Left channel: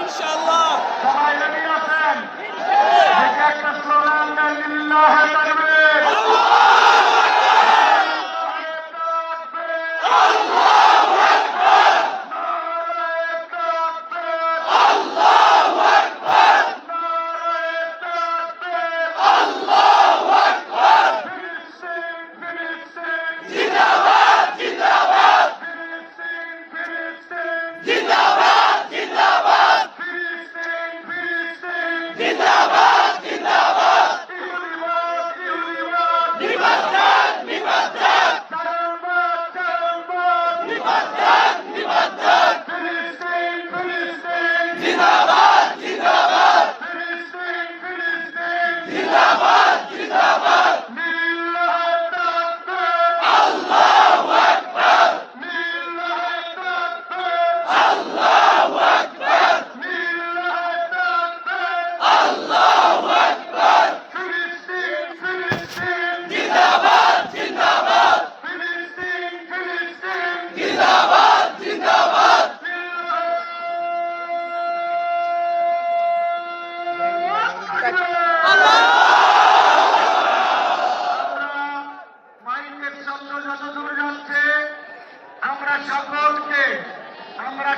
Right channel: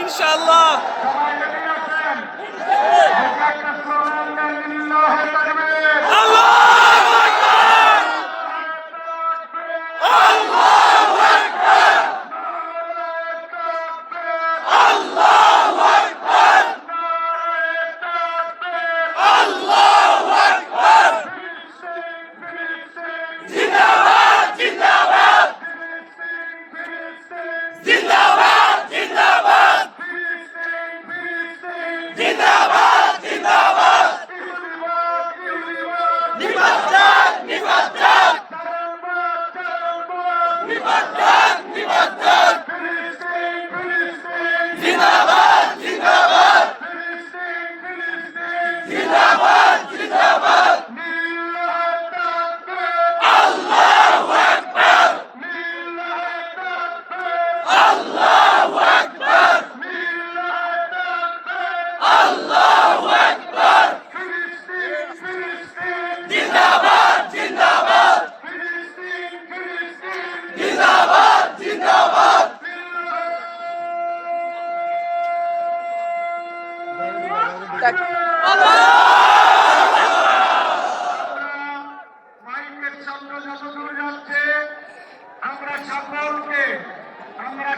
ইনশাআল্লাহ সবাই রেডি আছেন? একটা স্লোগান দেন, লিল্লাহে তাকবীর।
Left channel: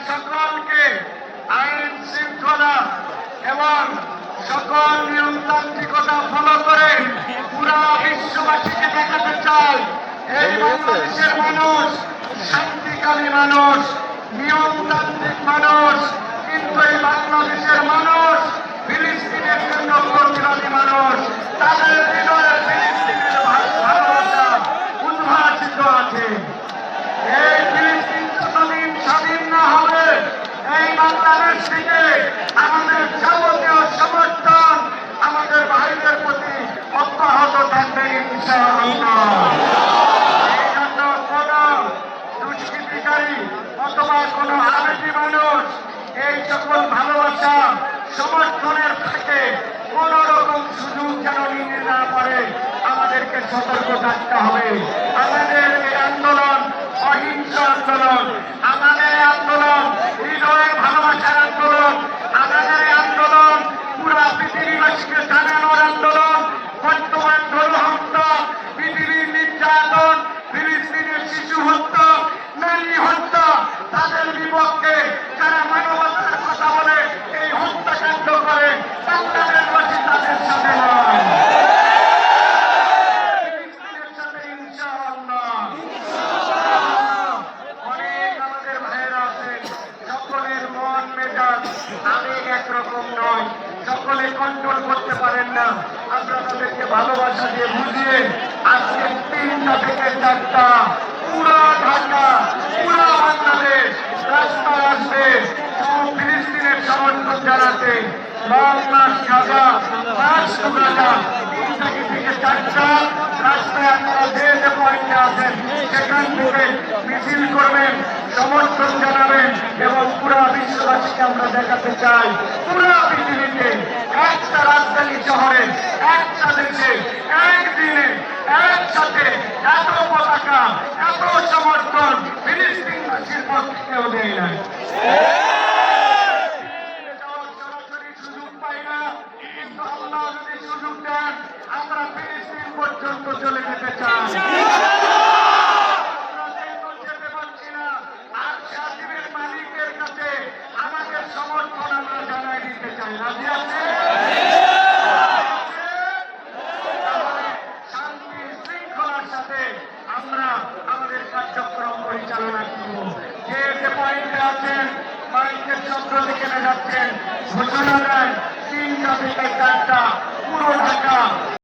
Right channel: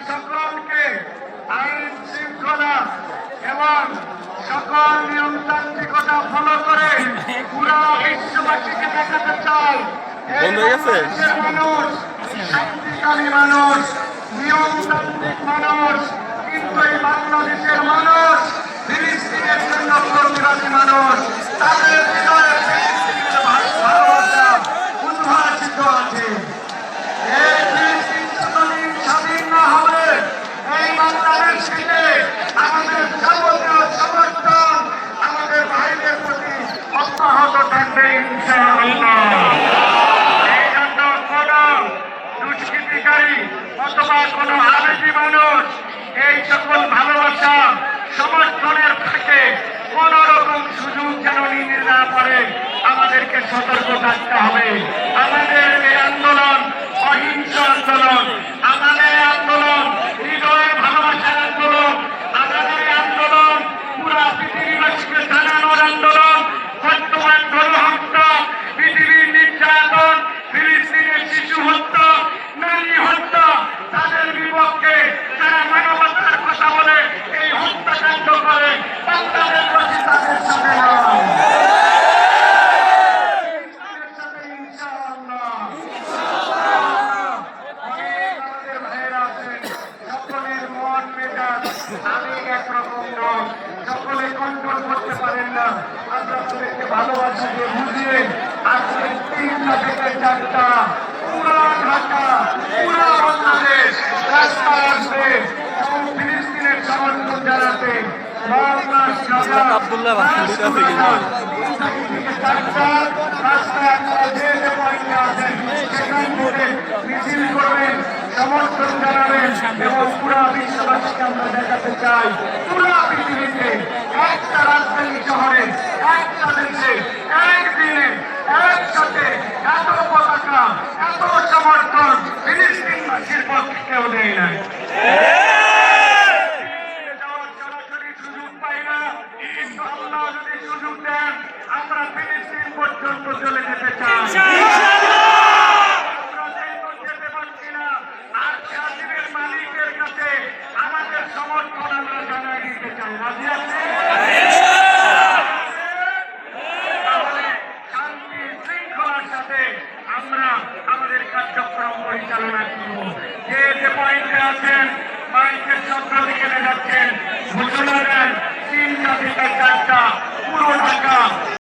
সকলকে আইন শৃঙ্খলা এবং সকল নিয়মতান্ত্রিকতা ফলো করে পুরা বিশ্ববাসীকে দেখাতে চাই এই বাংলাদেশের মানুষ শান্তিকামী মানুষ, নিয়মতান্ত্রিক মানুষ, কিন্তু এই বাংলাদেশের মানুষ ফিলিস্তিনের জন্য প্রতিবাদী মানুষ। তাদের হৃদয়ে ফিলিস্তিনের ভালোবাসা উদ্ভাসিত আছে। এই ফিলিস্তিন যতদিন স্বাধীন না হবে, এই বাংলাদেশ থেকে আমাদের যাবতীয় সমর্থন আমাদের ভাইদের প্রতি অব্যাহত থাকবে ইনশাআল্লাহ। এই জন্য কোন দুষ্কৃতিকারী অথবা কোন আবেগী মানুষ এই সকল ভালোবাসা সমর্থনের থেকে কোন রকম সুযোগ যেন নিতে না পারে, আমাদেরকে সতর্ক থাকতে হবে। আমাদের এই আন্দোলন অহিংস আন্দোলন, আমাদের এই আন্দোলন হৃদয়ের ভালোবাসার আন্দোলন, আমাদের এই আন্দোলন পুরা পৃথিবীবাসীকে জানানোর আন্দোলন। বর্তমান গণহত্যা, পৃথিবীর নির্যাতন, ফিলিস্তিনের শিশু হত্যা, নারী হত্যা, তাদের বিপক্ষে যারা মানবতার কথা বলে এই হত্যাকাণ্ড করে, বাংলাদেশবাসী তাদের সাথে সকলে কন্ট্রোল করতে পারেন না। আমরা তাদেরকে ভালোবাসা দিয়ে বুঝিয়ে আজকে 3টা থেকে 4টা পুরা ঢাকা, পুরা বাংলাদেশ রাস্তায় আসবে ফিলিস্তিনের সমর্থন জানাতে। বাংলাদেশ গাজা রাস্তায় আপনারা যে যে পয়েন্টে আছেন সেখান থেকে মিছিল করবেন, সমর্থন জানাবেন এবং পুরা বিশ্ববাসীকে আমরা দেখাতে চাই পুরা পৃথিবীতে একটা রাজধানী শহরে, একটা দেশে, একদিনে একসাথে এত পতাকা, এত সমর্থন ফিলিস্তিনবাসীর পক্ষে কেউ দেয় নাই। সরাসরি সুযোগ পাই না, কিন্তু আল্লাহ যদি সুযোগ দেন আমরা ফিলিস্তিন পর্যন্ত চলে যেতে চাই। মালিকের কাছে আমাদের সমর্থন আমরা জানাই দিতে চাই। রাজি আছে? শান্তি শৃঙ্খলার সাথে আমরা আমাদের কার্যক্রম পরিচালনা করব। যে যে পয়েন্টে আছেন মাইকের শব্দ দিকে যাচ্ছেন ঘোষণা দেন 3টা থেকে 4টা পুরো ঢাকা